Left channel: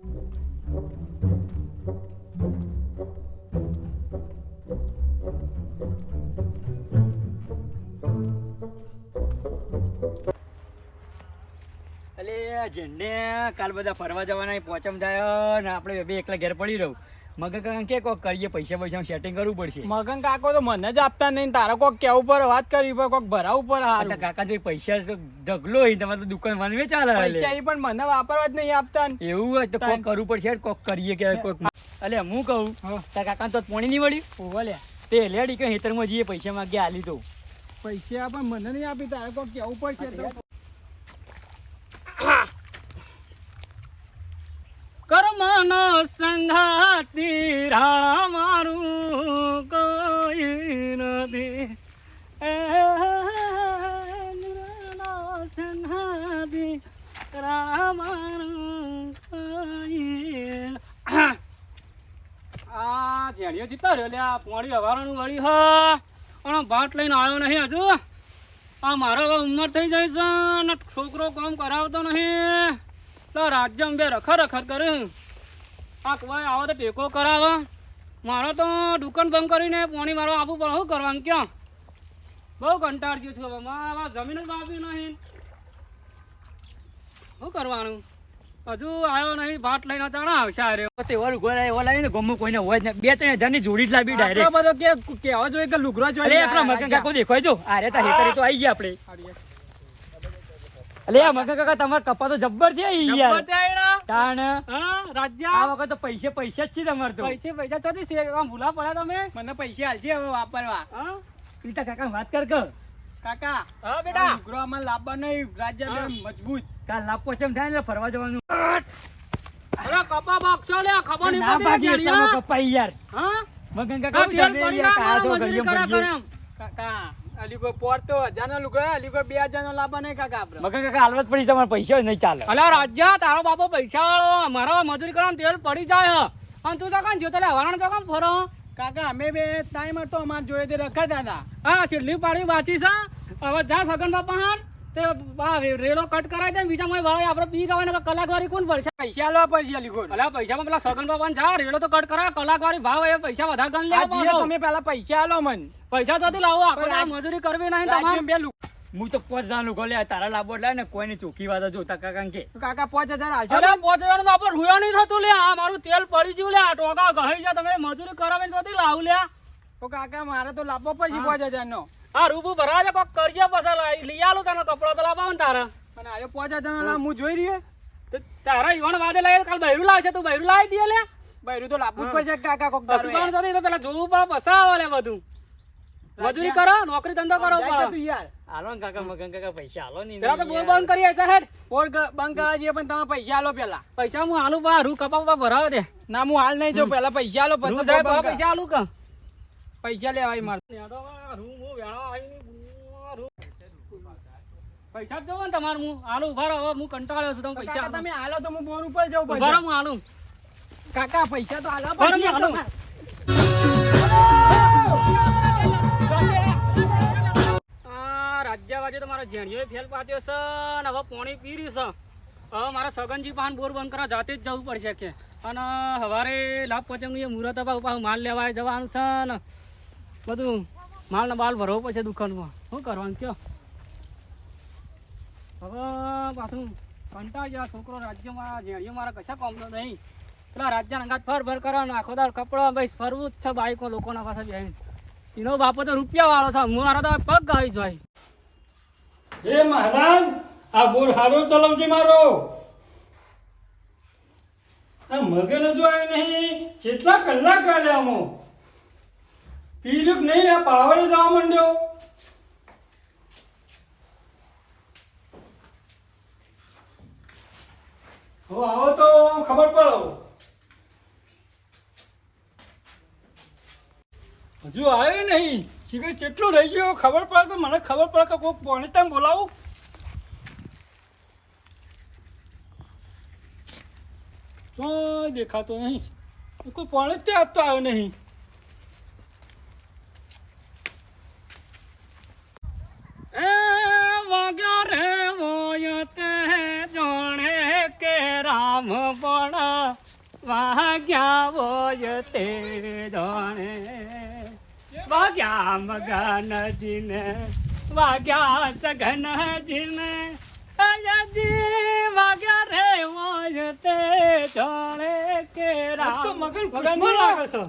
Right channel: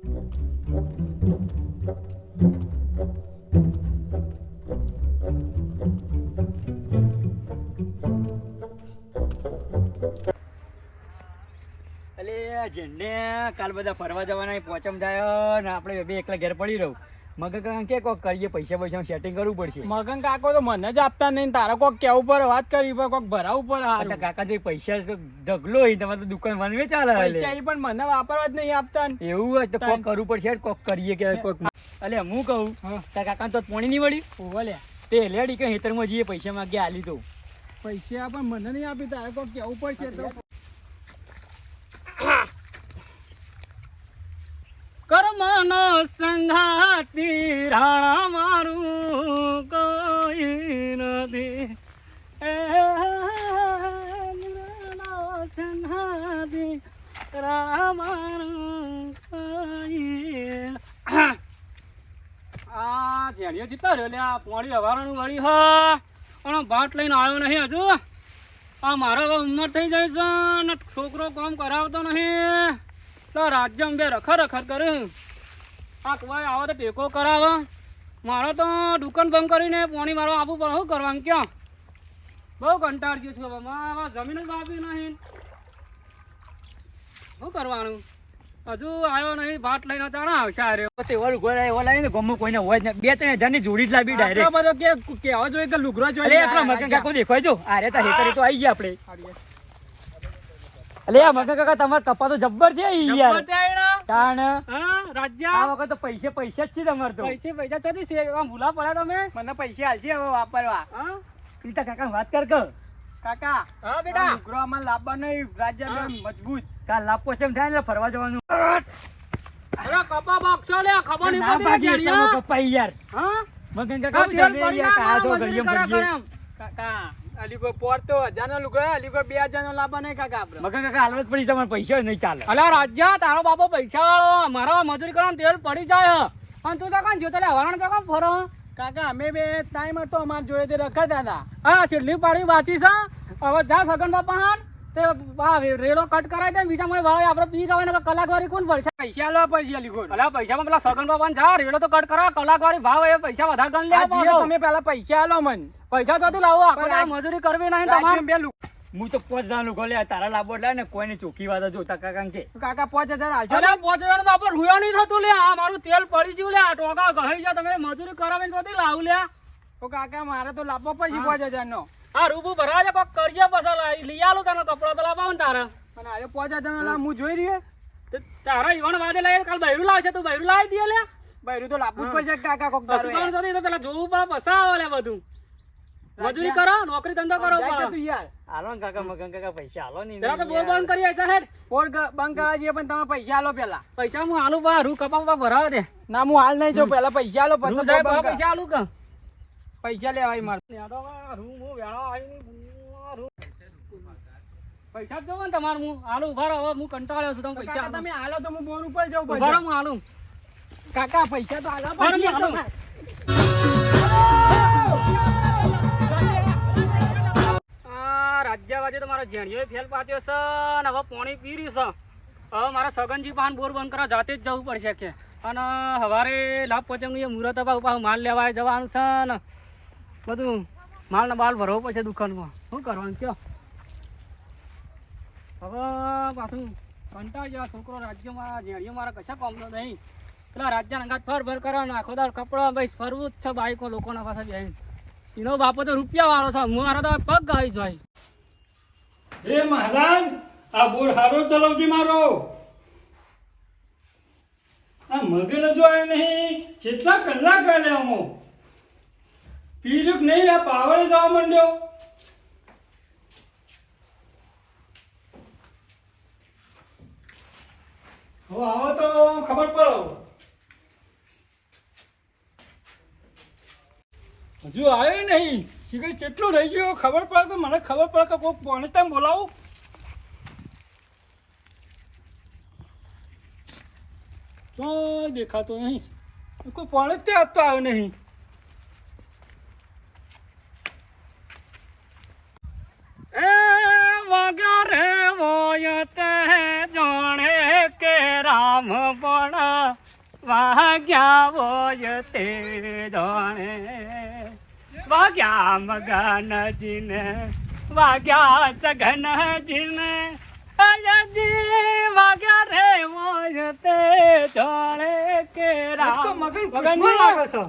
જેને કાલ બધા ફરવા જવાના પોચમ થાય ને આપણે બે એકલા ઘેર પડી રહું. મગન કાકા કે કોક કરીએ, પૈસા સેટિંગ કરવું પડશે. મગન કાકો તો મને જ આપતા નહીં, તારે કોક કેવું પર વાત કરવી પડે, કોક ભરાવું પડે. કાકા જો પૈસા ઢગલો હોય તમારે તો દુકાન વાનવે ચાલે. પૈસા પણ મને વાપરવા જ નહીં આપતા. એવું હોય તો કોક કરવું પડશે, કોક કરીએ કે કોક. અલે હું કહું તાર કાકા તો પોણી નહીં વળી તે લેડી કે હેતરમાં જઈએ પૈસા માંગ્યા આલી તો પૈસા પણ મને નહીં આપી, તારે કોક કેવું પડશે. કર્મનો સંઘાતી રાણા મારું કોઈ નથી, સંઘાતી રાણા મારું કોઈ. આ જેણીઓ જીતા રહ્યો લે, આ પોણી હવારનું વળી હા અને ભાત લઈને આવ્યો નહીં હજુ. આ મારો ઉંમર થઈ જાય છે ને છોકરો કામ કરાવતો નહીં. રાજ્યમાં બે રખર કરે. આ કોઈ આવો તો ટેકો કરાવે. મારો તો દુકાન બંધ કરીને પાણી મારો આપવું પડે. શું કરવાનું ક્યાં બહુ કંટાળ ગયો છું. હવે મારા જમીન જ વાપી નહીં. શું કરવાનું? હજુ આવ્યો નહીં, ભાત લઈને ચાણા આવશે. અરે તેવા લુગડો એવો લાવીને ગમો કોઈને હોય જ નહીં. 2-3 હજારની જોડી જ લાવી ડાયરેક્ટ. બધો કેવો જોઈએ કે લુગડો જોઈએ. આપણા મગન કાકો દેખાય જો. અરે તા હેતરી તો આવી ગયા આપણે. અલે મગન કાકા તમાર કપા તો જબ્બર છે યાર. તાણ રાજ્ય આ વખત તો પૈસા જ છે તમાર તો. પૈસા ચોથી છે આમ ભૂલા પડ્યા તમે. મને પૈસા હાલશે હવે વાપરવા. પીતા કાકા વાત કર કે કાકા. હા બેટા લુગડો આમાં લાવવા નહીં. રાજ્ય મજબૂત કાલ લાપો ચમ થાય ને ફરવા જવાનું. અરે કપા બોક્સો લે, ખબર નહીં પડતી કપા યાર. હા મગન કાકા કાકા અલીગો પોર તો 1000 નો લુગડો, અલીગો 2000 નો લાવવા નહીં કાકા. આપણે મગન કાકા હાલત પડી તમારે પૈસા નહીં ચાલે. અલા રાજ્ય તારો બાપો પૈસા વાળો, મારો મજૂરી કરવાનું તેલ પડી જાય અને તું તો કાં જો તલે હવારણ તો કાં ફરો. કાકા અમે બે ટાઈમ હતો અમાર જોડે તે રખડતા હતા. હા છેલ્લી પાડી વાંચી છે. હવે જા સગન બાપા હાથ તે રેડો કટ કરાવી દે. બીજા કોઈ વાળા આપણે પી જવાય ને કલાકવાળી કોણ પડશે? પૈસા આલવા પડશે અલીગો. અલા પૈસામાં પેલા સગન બાપા જા રેડો તો કટ કરાવ, કલાકવાળી ભાવ એ પૈસા વધારે ગણ લે. તમે પેલા પૈસા આલો મન. પૈસા તો લાવો, આપણે મજૂરી કરવી નહીં તમારે. હું તો 5000 નું ગોલે તારા લાભો લે ને કોઈને ચોખ્ખી વાત જોતા કાકા કે કાકા 5000 હાલજો. અરે 5000 તો આપણે રૂયા નહીં થતું લે. આ મારું તેલ પડી ગયું લે. આ ટોકા ગહી જા. તમે મજૂરી કરાવીને તો લાવ લે. તો કાકા મારે તો લાવવો પડશે 5000 નો. હા રૂબુ ભરા છે, કોક કરજે પછી લઈ આલું તને કપડા તો લાવવા ને તારા. અને અરે 5000 નો હું જોઈ રહ્યો તારા ઈવણ વાદે લઈ કાલ બૈરું લાવશે. તું બૈરું લાવી દે લે. બૈરું તો લાવવું જ પડશે કાકા. કોક પેલા જોવું પડે પછી આવે લે બધું. મજૂરી કરો, નોકરી ધંધો કરો યાર. હાલો ને કાકા મગન કાકા પૈસા હાલો નહીં. પેલા તો બોલ બંધ કરીએ છે હેડ. બોલ બંધ કરવા જઈએ પણ તમે પૈસા આલો પેલા. પૈસા હું આલું બા રૂ કપા ભરાવ દે. ના હું હાલ નહીં જો પેલા પૈસા આલો પછી પૈસા આલું કે પૈસા લેવાય મારે. પૈસા જ જોવો ને તમારે. હું આલું ઉભા રહો. હું કંટાળ્યો છું. તમે પૈસા તમે હાલો તો હું બોર ઉપર જાઉં. ઉભા રહો હું આલું. કાકા પૈસા તો આલો પછી. રાજ્યવાજી તો મારો જેણીઓ ફેલ પાત્યો છે ને હવે પાણી પી રહ્યું છે. હવે મારા સગનજી પાન બોર બંધ કરવા જાતે જ જવું પડશે કે. અને સવારે લાભ પચમનું એ મુહૂર્ત પાછું માલ લેવા જવાનું છે ને બધું માલને બાલ ભરવો પડશે દુકાનમાં. શું કરવાનું કયો હવે પાછું કંટાળી જાય છોકરો. રાજ્યમાં જેણીઓ મારા કશા કામનો નહીં. પેલા રાજ્યના અંગાત ફર કરવાનું આખો દાર કપડા ભાઈ ફરવું જ છે. બાઈકો લોકોના પાસે બેહીને એનો બાપો તો રૂપિયા વાળો છે. મારા તો પગ ગાઈ જાય. હે મહારાજ આ બોર હારો ચલાવજે મારો. આ મગન જો આવ્યો નહીં. કેટલા કલાક કાઢ્યા અમો પીર્યું નહીં. આ પાવડે જવા માંડ્યો. હવે આવો તો ખબર પડો. હજુ આવ્યો નહીં. શીખર કેટલું રહી ગયો ખબર પડે તો મને ખબર પડે કે કોઈ પાણી તમે બોલાવું. તો દેખાતો નહીં. કોઈ પાણી જ ત્યાં તો આવ્યો નહીં. એ વાગ્યા રે વોય તે જાણે કે રામ પણ વાગ્યા હોય તે જાણે વાગ્યા મગનજીને વાગ્યા સગનજીને અયજી વાગ્યા રે હોય તે જાણે કે આજ તો મગન ખુશમાં લાગે છે.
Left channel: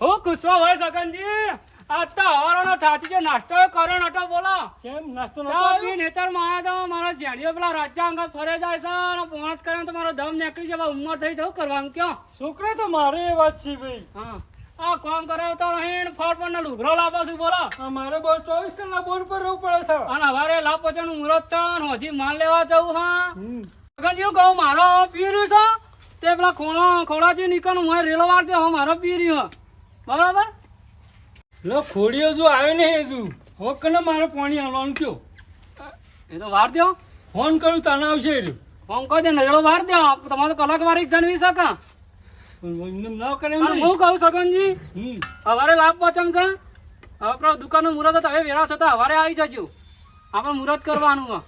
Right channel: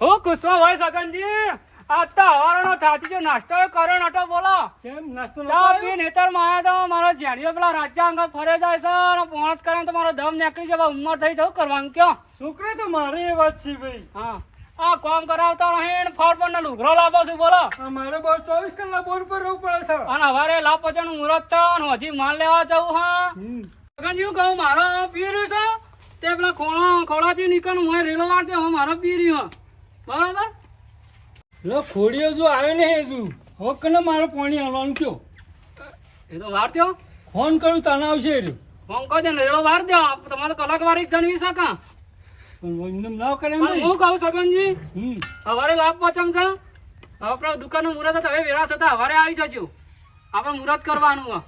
હું ગુસ્સો હોય સગનજી આ તો હવારનો ઠાચી જો નાસ્તો કર્યો નતો બોલો કેમ નાસ્તો નતો ચા આવ્યો? પી નેતર માં આવ્યો તો મારો જેણીઓ પેલા રાજ્યા અંગત ફરે જાય છે અને પોણત કરે તો મારો દમ નીકળી જાય ઉંમર થઈ જવું કરવાનું કયો છોકરા તો મારે એ વાત છે ભાઈ. હા આ કામ કરાવતા નહીં ફળ પર લુગરો લાવો છું બોલો આ મારે બહુ 24 કલાક બોર પર રહેવું પડે છે. અને હવારે લાભ પચાનું મુહૂર્ત છે અને હજી માલ લેવા જવું હા હમ. સગનજી કહું મારો પીર્યું છે તે પેલા ખોળાથી નીકળું હું રેલો વાર દે હવે મારો પીર્યું બરાબર લો ખોડીઓ જો આવે ને હજુ હવે કને મારે પાણી આવવાનું કયો એ તો વાર દો ફોન કરું તાને આવશે એ રહ્યો. ફોન કરી દે રેલો વાર દે તમારે કલાક વારી ગણવી શકે પણ એમને ના કરે પણ હું કહું સગનજી હમ હવારે લાભ પચમ છે હવે આપણા દુકાનનું મુહૂર્ત હતા હવે વેરા થતા હવારે આવી જજો આપણે મુહૂર્ત કરવાનું હોય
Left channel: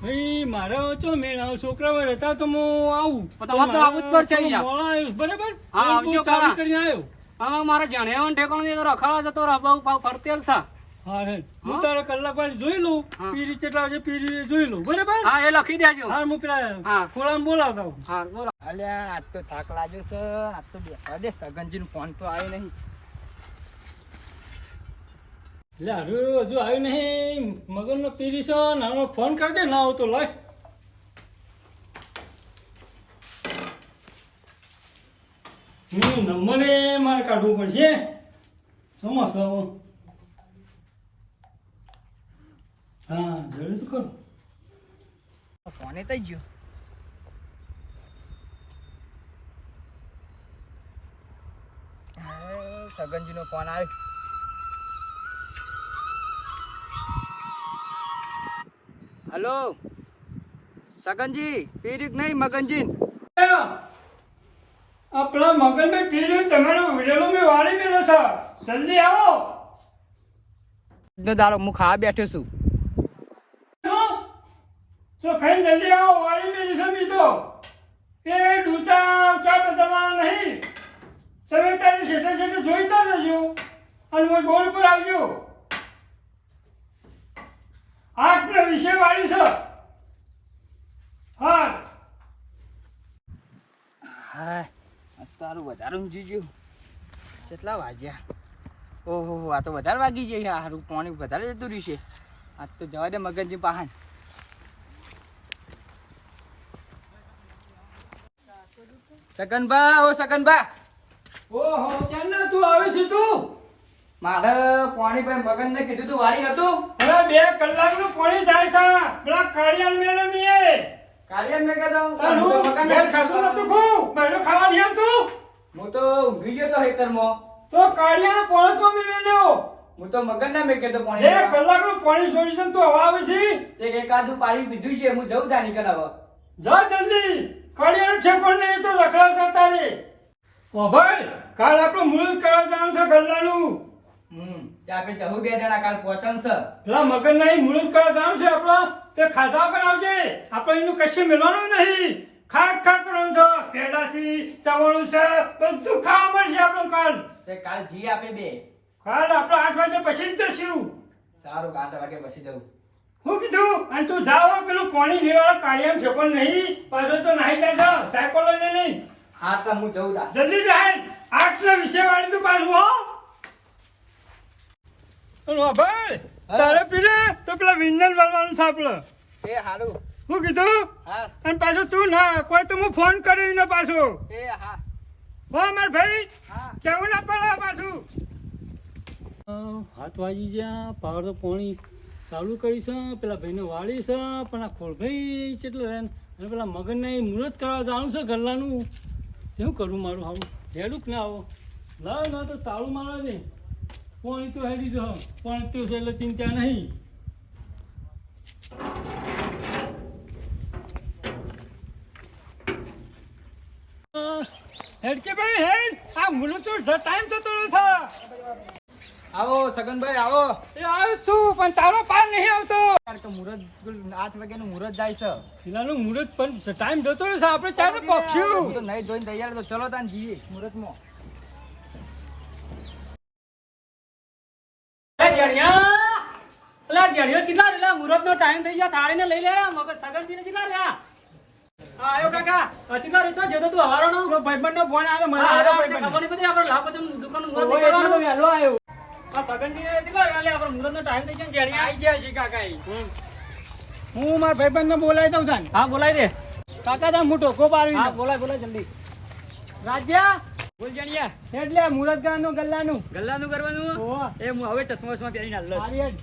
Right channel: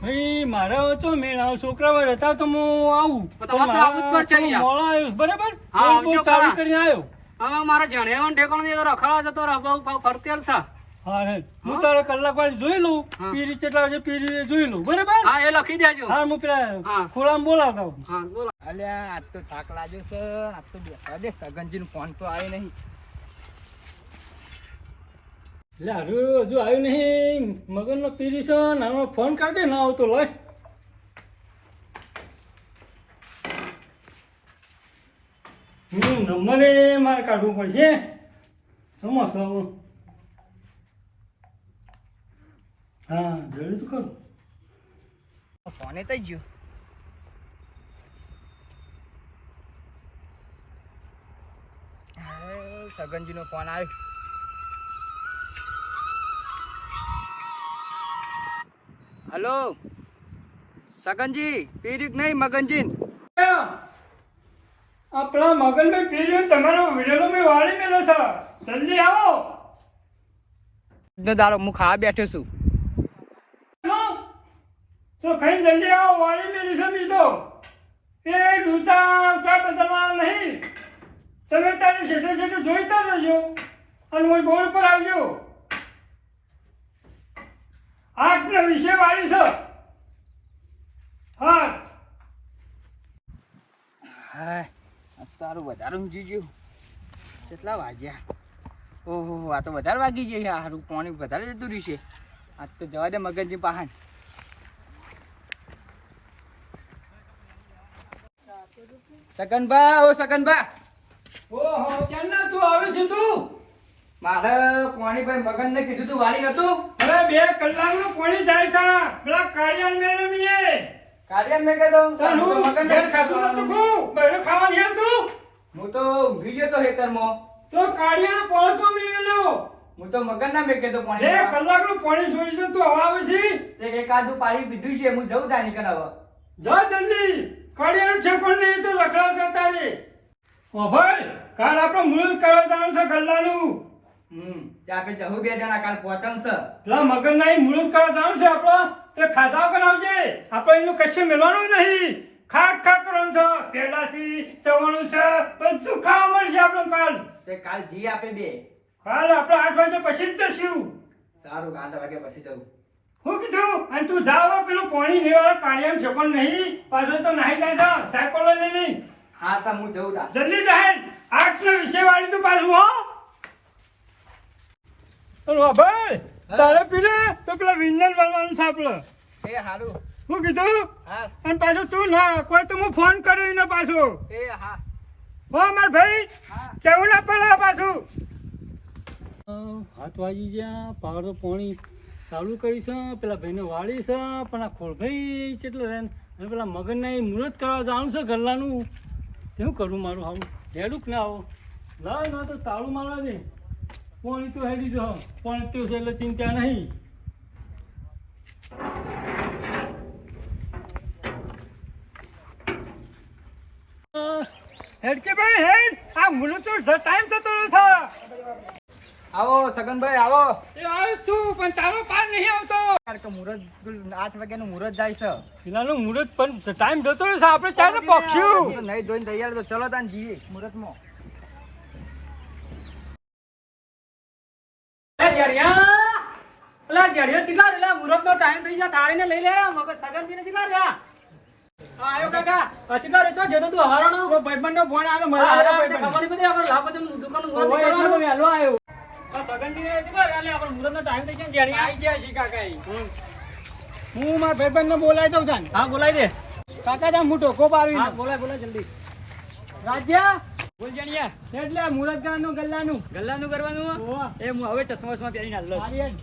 ભાઈ મારે તો મેળ આવો છોકરા રહેતા તો હું આવું પણ તમારે તો આવવું જ પડશે અહીંયા. મોડો આવ્યો બરાબર હા, હું આવજો ચાલુ ખરા. કરીને આવ્યો. હવે મારા જણેવન ઠેકાણું એ તો રખડા છે તો રબાવ ફરતેલ છે હા રે હું તારે કલાક વાર જોઈ લઉં હા. પીરી કેટલા વાગે પીરી જોઈ લઉં બરાબર હા એ લખી દેજો હા હું પેલા હા. ખોળામાં બોલાવતા હોઉં. હા બોલો અલ્યા આજ તો થાક લાગ્યો છે આજ તો બેઠા દે સગનજી નો ફોન તો આવ્યો નહીં. એટલે હારું હજુ આવ્યું નહીં મગનનો પીરી છે ને હવે ફોન કરી દે ના આવતો લાય નંબરે મારે કાઢવું પડશે સમોસા હા જરૂર તો કરું ફોને થઈ ગયો. સગનજી નો ફોન આવ્યો. હલો સગનજી પીરીક નહીં મગનજી આપણા મગનભાઈ પીર્યું તમારો વિડેલો મેં વાળી મેલો છે જલ્દી આવો નો દાડો હું ખાવા બેઠો છું. તો ખાઈ જલ્દી આવો વાળી મેં સમી તો એ ડૂસા ચા બદલવા નહીં તમે તારી સેટે સેટે જોઈતા જજો અને હું બોર્ડ પર આવજો 8 ને વિશે વાળી છે હા હા તારું વધારે ઊંઘી ગયું. કેટલા વાગ્યા? ઓહો આ તો વધારે વાગી ગયા. સારું પાણી વધારે જતું રહેશે. આજ તો જવા દે મગનજી પાહન. સગનબા ઓ સગનબા ઓહો ચાલના તું આવે છે તું મારે પાણી ભાઈ મગનને કીધું તું વાળી નતું. અરે 2 કલાકનું પાણી જાય છે પેલા કાળિયાલ મેળો મીએ કાઢ્યા મેં કહેતો તારું ઘેર ખાધું નતું ખું પહેલો ખાવા નહીં તું હું તો ઊંઘી ગયો તો ખેતરમાં. તો કાળિયાનો પોળસમાં મીળેલો હું તો મગનના મેં કહેતો 2 પાણી કલાકનું પાણી છોડીશ તું હવે આવે છે તે એકાદું પાણી પીધું છે. હું જઉં તાની કન હવે. જા જલ્દી કાળિયાનું ઠેકોણ નહીં તો રખડા જતા રે ઓ ભાઈ કાલ આપણો મુહૂર્ત કરવા જવાનું છે ગલ્લાનું તે આપણે જવું 2 જણા કાલ પહોંચન છે. પેલા મગન નહીં મુહૂર્ત કરવા જવાનું છે આપણો તે ખાધા પણ આવશે આપણે એનું કશું મેળવાનું નહીં ખાક ખાક કરવાનું છે પેડાસી ચવાણું છે બધું ખાવા મળશે આપણું કાલ તે કાલ જી આપે 2. કાલ આપણે 8 વાગે પછી જ જશું સારું 8 વાગે પછી જવું. હું કીધું અને તું જાઓ પેલું પાણી લેવાળા કાળિયામ ઠેકોણ નહીં પાછો તો નાહી જાય છે સાયકલો લઈ લઈ હા તો હું જઉં તા. જલ્દી જાય 8 ને વિશે વાળી તું પાછું હો ભાઈ તારે પીલે તો પેલા વિંજલ વાળવાનું છે આપણે એ હારું. હું કીધું હા અને પાછું તું ના કોઈ તો હું ફોન કર્યો ને પાછો એ હા હો માર ભાઈ હા કેવું ના પડે પાછું હાથ વાગી ગયા પાવર તો પાણી ચાલુ કરી છે પેલા ભાઈને વાળી છે પણ આ ખોળભાઈ છે એટલે અને પેલા મગનને મુહૂર્ત કરવા જવાનું છે ગલ્લાનું શું કરું મારું સારું હેડું કે ના આવો લાવ ના તો તાળું મારવા દે પાણી તો હેડી જો પાણી તો છે એટલે ચિંતા નહીં હેડ કે ભાઈ હેડ આ મુહૂર્ત તો ટાઈમ થતો છે આવો સગનભાઈ આવો. એ આવ્યો છું પણ તારો પાર નહીં આવતો. કારણ કે મુહૂર્ત 8 વાગ્યાનું મુહૂર્ત જાય છે. પેલાનું મુહૂર્ત પણ ટાઈમ જતો રહેશે આપણે ચાલે પક્ષ્યું. હું તો નહીં ધોઈને તૈયાર તો ચલો તાન જઈએ મુહૂર્તમાં. જડિયો ચીલા રે મુહૂર્ત નો ટાઈમ થઈ ગયા તારે ને લઈ લેડા મગર સગનજી ને ચીલા રહ્યા આયો કાકા. ચીલા રે છો જતો તું હવારનો ભાઈબંધનો ફોન આવ્યો મને આવરો ભાઈબંધ. ખબર નહીં પડી આપણે લાપો દુકાન નું મુહૂર્ત ઓય એટલો તો નીકળવાનું વહેલો આવ્યો. સગનજી ને ચીલા રે આપણે મુહૂર્ત નો ટાઈમ થઈ ગયો જડિયા આઈ ગયા છે કાકા ઈ. હું મારા ભાઈબંધને બોલાવી દઉં તાન. હા બોલાઈ દે કાકા તા હું ટોકો પાડવી હા બોલાય જલ્દી રાજ્યા બોલ જાણ્યા એટલે મુહૂર્ત ગાનું ગલ્લાનું ગલ્લાનું કરવાનું ઓવા એ હું હવે ચશ્મા પહેરીને હાલ મારી હેડ.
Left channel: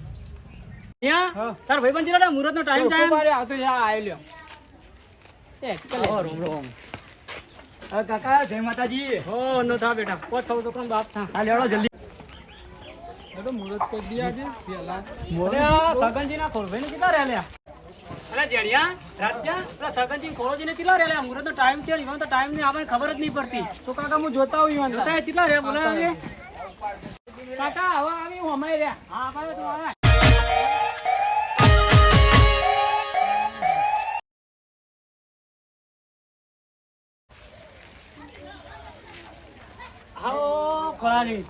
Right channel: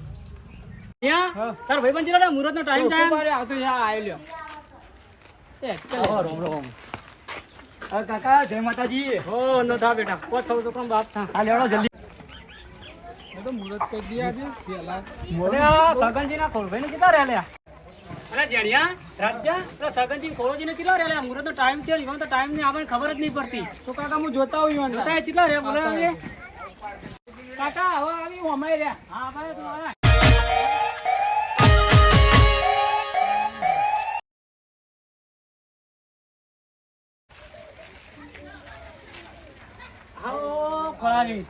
ત્યાં હા. તાર ભાઈબંધ ચીલા મુહૂર્ત નો ટાઈમ ટોકો થાય પાડે આવતો છે આ આઈ લ્યો. રોમ રોમ કાકા જય માતાજી. હો નો થા બેટા પોત સૌ છોકરો બાપ થા હા લેવડો જલ્દી. તો મુહૂર્ત કરી દીયા છે પેલા. અરે સગનજી ના ખોળભાઈ ને કેટલા રહ્યા અરે જડિયા રાજ્યા અરે સગનજી ખોળોજી ને કેટલા રહ્યા મુહૂર્ત નો ટાઈમ છે ઈવન તો ટાઈમ ની આપણને ખબર જ નહીં પડતી તો કાકા હું જોતા હોઉં ઈવન જોતા કેટલા રહ્યા બોલે હવે કાકા હવે આવી હું અમાય રહ્યા. હા ભાઈ તું આવે હાઓ ખોળાજી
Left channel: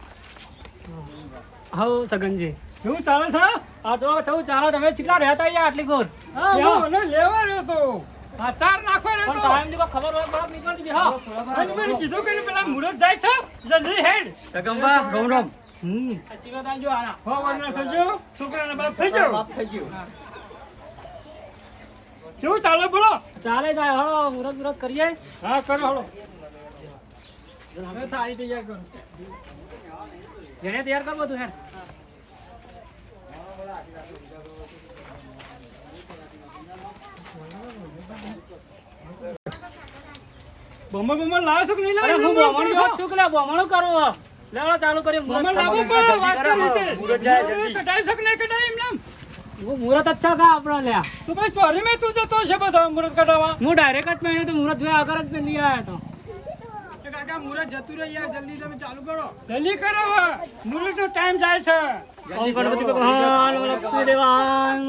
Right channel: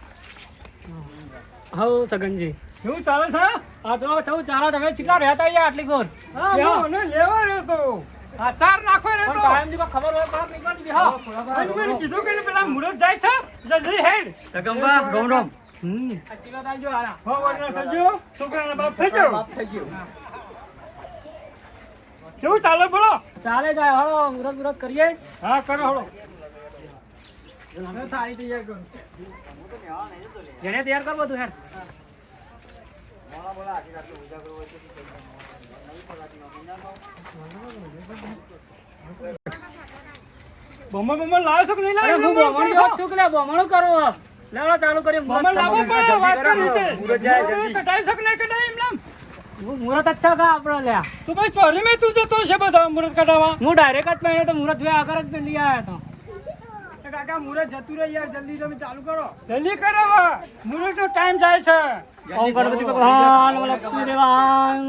હાઓ સગનજી શું ચાલે છે? આ તો સૌ ચાલો તમે કેટલા રહેતા અહીંયા આટલી ગોર હા હું મને લેવા રહ્યો તો. હા ચાર નાખો ને પણ તો. ટાઈમ ની કોઈ ખબર હોય પડક નીકળતી હા અને મને કીધું કે પેલા મુહૂર્ત જાય છે જલ્દી હેડ. સગંબા રોમ રોમ. આ ચીલો તાલજો આરા. હો વરના સંજો છોકરાના બાપ થઈ જાવ. બાપ થઈ ગયો. કેવું ચાલે બોલો? ચાલે જાય હળો મુરત કરીએ હા કરો હળો. હવે થાળી તૈયાર કરું. જેને તૈયાર કર બધું હેડ બમણ બમણ લાવો છો કે નહીં અરે લાવો? હું બોમણું જોત છું કે લે બોમણું કરો લેવડો ચાલુ કરીએ બમણ લાવો પણ વાત કરી રીતે. મુહૂર્ત જાય જલ્દી. મુહૂર્ત કઢાઈ શક નહીં કઢાઈ એમ નામ. મુરત અચ્છા કા આપણો લે તો ભાઈ ચોરી મેં તું જતો છે બધા મુહૂર્ત કઢાવવા. હું ડાયરેક્ટ જ પહેર્યો તો મુરત જોયા આગળ જ પહેલી આવ્યો તો એ કાકા મુહૂર્ત જતું રહે યાર જલ્દી તમે ચાલુ કરો. જલ્દી કરાવો મુહૂર્ત નો ટાઈમ જાય છે. ઓમ ગણપતિ ભગવાન લક્ષ્મી દેવાન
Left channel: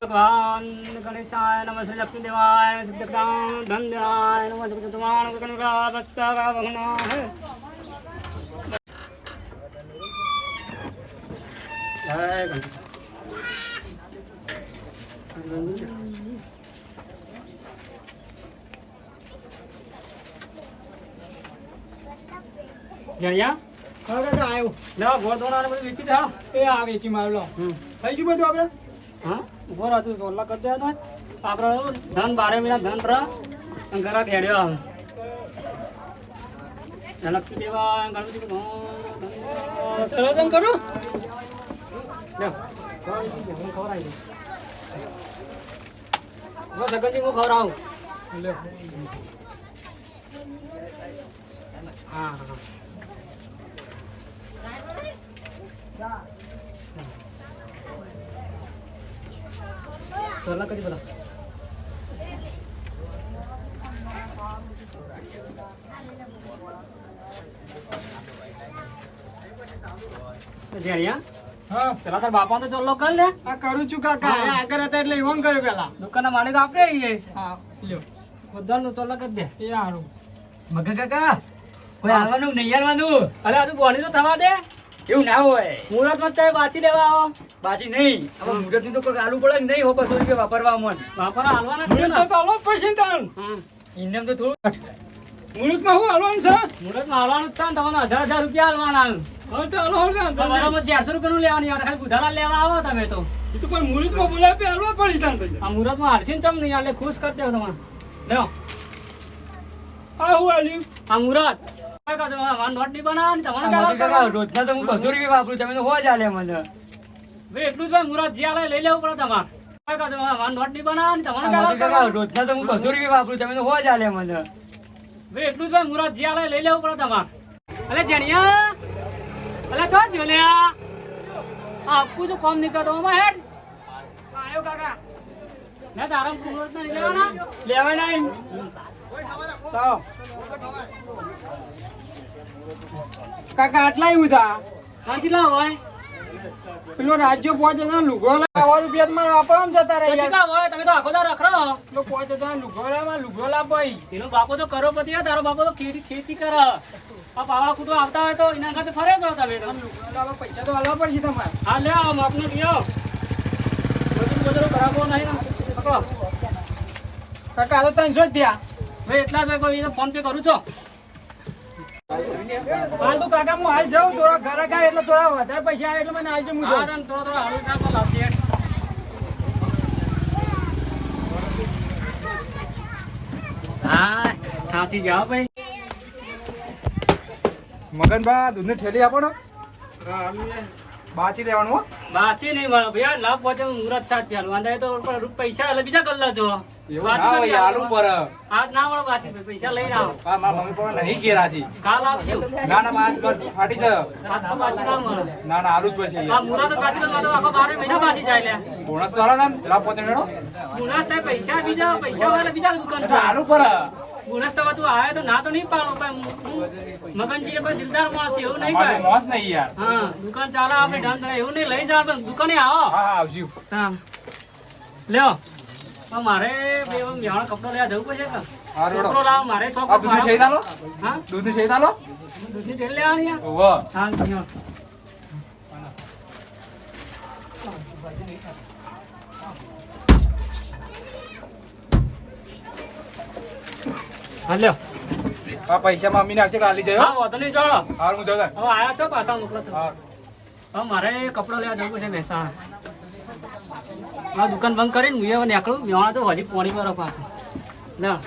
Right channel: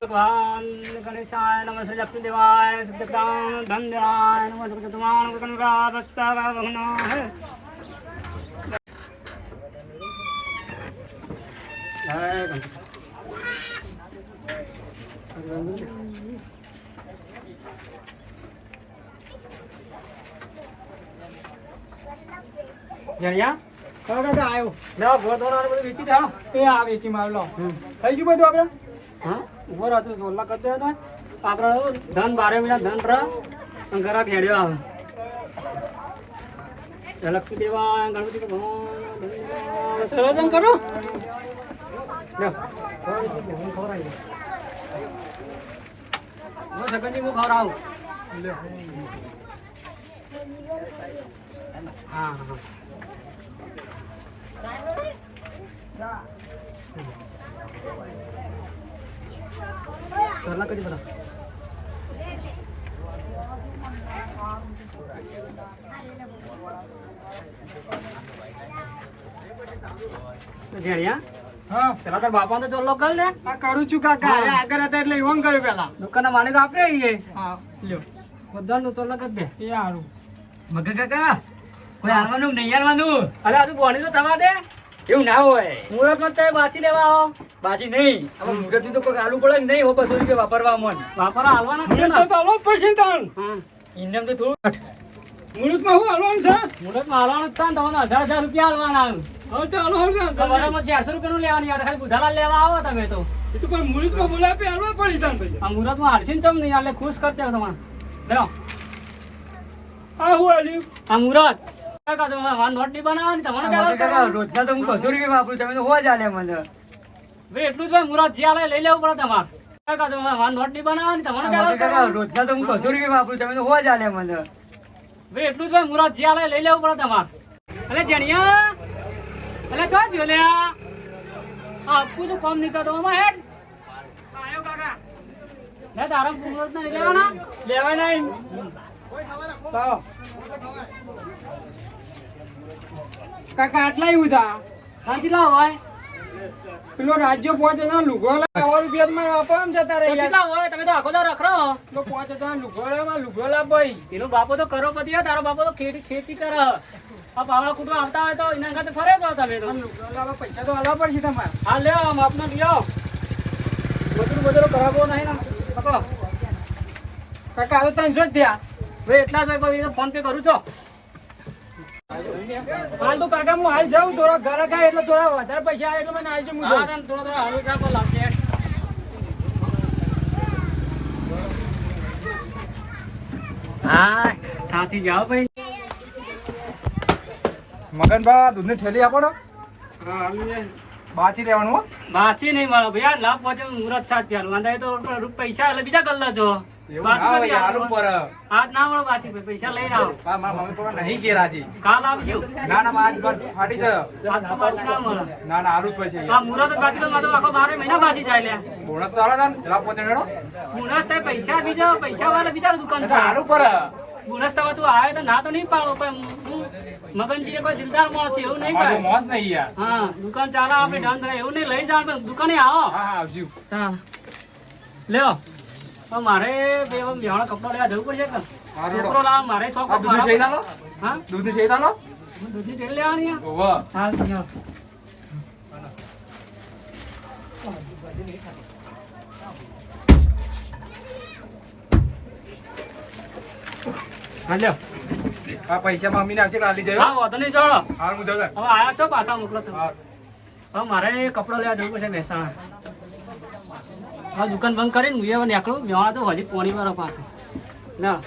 ભગવાન ગણેશાય નમઃ શ્રી લક્ષ્મી દેવાય સિદ્ધક્રામ ધન દેવાય નમઃ જગતમાન કનુરા બસ્તા ભગનો હે જય ગણપતિ જણિયા હા કાકા આવ્યો. લેવા ગોળ દોડા બધું વેચી દે એ આ વેચી માવલો. થઈ ગયું બધું આપણે? હા ઉભો રહેતું સોલા કરતો હતો આપણે ધન 12 મહિના ધન રહ ઘરા ખેડ્યો આવે લક્ષ્મી દેવા ગણપતિ ભગવાન રોદન કરો. સગનજી હું ખવડાવું લ્યો. હા હા સોલા કરી બધા જણિયા હા પેલા તાર બાપા તો ચોલ્લો કર લે આ કરું છું કાકા. અરે આગળ હતા એટલે ઈવન કર્યું પેલા. દુકાનના માલિક આપણે આવીએ હા લ્યો. બધાને તો ચોલ્લા કરી દે એ સારું. મગા કાકા કોઈ આવવાનું નહીં આવવાનું. અરે આજુ બોલી તો થવા દે એવું ના હોય. મુહૂર્તમાં ચાય બાચી લેવા આવો બાજી નહીં હવે મુહૂર્ત નું તો કોઈ આલુ પડે ને નહીં હો 200 રૂપિયા વાપરવા મન. વાપરા હાલવાના જ છે ને તો આલો જ પડશે ને તાણ. હા ઇન્ડિયન તો થોડું મુહૂર્તમાં શું હાલવાનું છે? મુહૂર્તમાં હાલવાનું જ છે ને તમને 1000 રૂપિયા હાલવાના હવે તો હાલો હાલો તો બરાબર 400 રૂપિયાનું લેવાની આવે ખાલી બુધાલાલ લેવા આવો તમે તો એ તો પણ મુહૂર્તમાં બોલાવે હાલવા પડી તાણ પછી. આ મુહૂર્તમાં હાલશી ને ચમ નહીં હાલે ખુશ કરી દેવો તમારે લો આ હું હાલ્યું? આ મુહૂર્ત વાન નોટ નહીં બનાવવાની તમારે આ મગા કાકા રોજના તો હું 200 રૂપિયા વાપરું તમે તો હો જ હાલે મને. બે એટલું જ ભાઈ મુહૂર્ત જે હાલે લઈ લેવું પડે તમારે વાન નોટ નહીં બનાવવાની આ મગા કાકા તમારે રોજના તો હું 200 રૂપિયા વાપરું તમે તો હો જ હાલે મને. બે એટલું જ ભાઈ મુહૂર્ત જે હાલે લઈ લેવું પડે તમારે અલે જણિયા અલે ચો જો લે આ આપું તો કોમ નહીં કરતો આમાં હેડ આવ્યો કાકા. મેં તારા મુહૂર્ત નહીં લેવાના લેવાના એમ. તો કાકા આટલા એવું થા કેટલા હોય પેલો રાજ્ય 5000 લુગડો લાવવા રૂપિયા તમારે વાપરવા જતા રહે યાર. કેટલા હોય તમે તો આખો દાડો રખડો પેલો 5000 લુગડો લાવ ભાઈ. એનો બાપો તો કરોડપતિ હોય તારો બાપો તો ખેતી કરે આ પાવડા કૂટવા આવતા હોય તો એના કરતા ફરે તો તમે તો આ લુગડો લાવવા પૈસા તો આલવા પડશે તમારે. હા લે આમ આપને લઈ આવો મજૂર કરાવવો નહીં ને પકડો કાકા આ તો 300 જ થયા. ભાઈ એટલા જ ભાઈ ફોન પે કરું છો હાલ તો કાકા હું હાલ જાઉં થોડા ઘરે ખાય એટલે થોડા વધારે પૈસા આવે એટલે મને હાલ હું હા જાઉં. તને થોડો હાલો ચાકો લાવશે હા થાચી જાઓ ભાઈ મગનભા દૂધની થેલી આપો ને બાચી લેવાનું હો. બાચી નહીં મળે ભાઈ આ લાભ પહોંચે મુહૂર્ત સાત પ્યાલું વાંધા તો પૈસા એટલે બીજા કર લેજો બાચી આજ ના મળે બાચી ભાઈ પૈસા લઈને આવો મમ્મી પપ્પા નહીં કે રાજી. કાલ આવશું ના ના આજ ફાટી છે. આજ તો બાચી ના મળે ના ના આલું જ પછી આ મુહૂર્ત જ બાચી તો આખો 12 મહિના બાચી જાય લે બોનસ તો આલા ને પેલા પહોંચે મેળો બોનસ થાય પૈસા બીજા પૈસા વાળા બીજા દુકાન આલુ પર બોનસ તો તું આવે તો ના તો નહીં પાડો પણ મગનજી કોઈ દિલદાર માણસ છે એવું નહીં આ કહે મોસ નહીં યાર. હા દુકાન ચાલો આપણે ઢંગ થાય એવું નહીં લઈ જાવ પણ દુકાને આવો હા હા આવજો. હા લ્યો તો મારે બે બેહાણા કપડા લેવા જવું પડશે કે હા રોડો. છોકરો લાવ મારે શોખ આ દૂધની થઈ ચાલો હા દૂધની થઈ ચાલો. દૂધની તેલ લેવાની આ? ઓહો હા લ્યો હા લ્યો આ પૈસા મમ્મીને આપશે કાલી જયો. હા વાંધો નહીં ચાલો હાલ હું જાઉં. હવે આયા છો પાછા મોકલો તો હા હવે મારે કપડો લેવા જવું પડશે મહેસાણા હા દુકાન બંધ કરીને હું હવે નીકળું મેવાણા તો હજી પોણી પર પાછું ના